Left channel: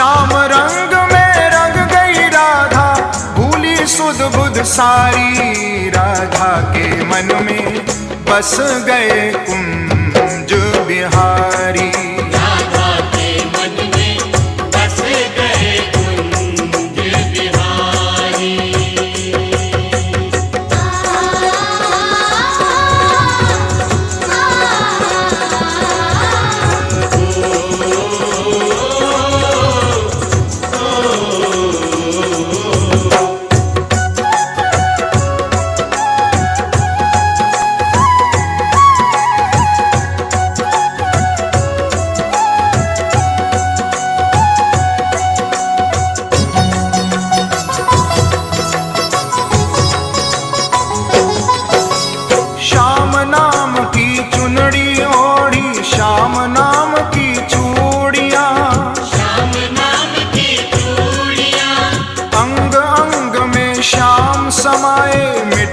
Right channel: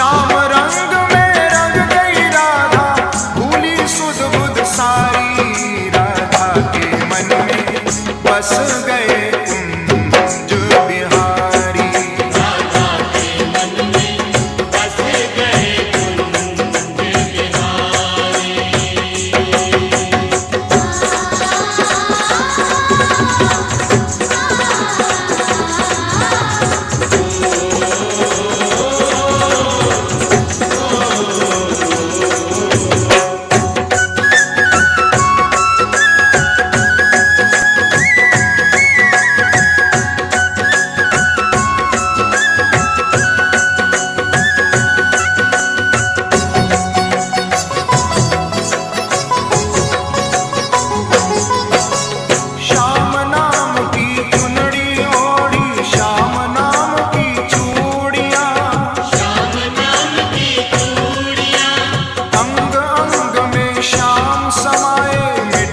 श्याम रंग में रंग गई राधा, भूली सुध बुध सारी। राधा के मन में बस गए कुंज बिहारी। श्याम नाम की चुनड़ी ओढ़ी, श्याम नाम की चूड़ियां, अंग अंग में श्याम समाए।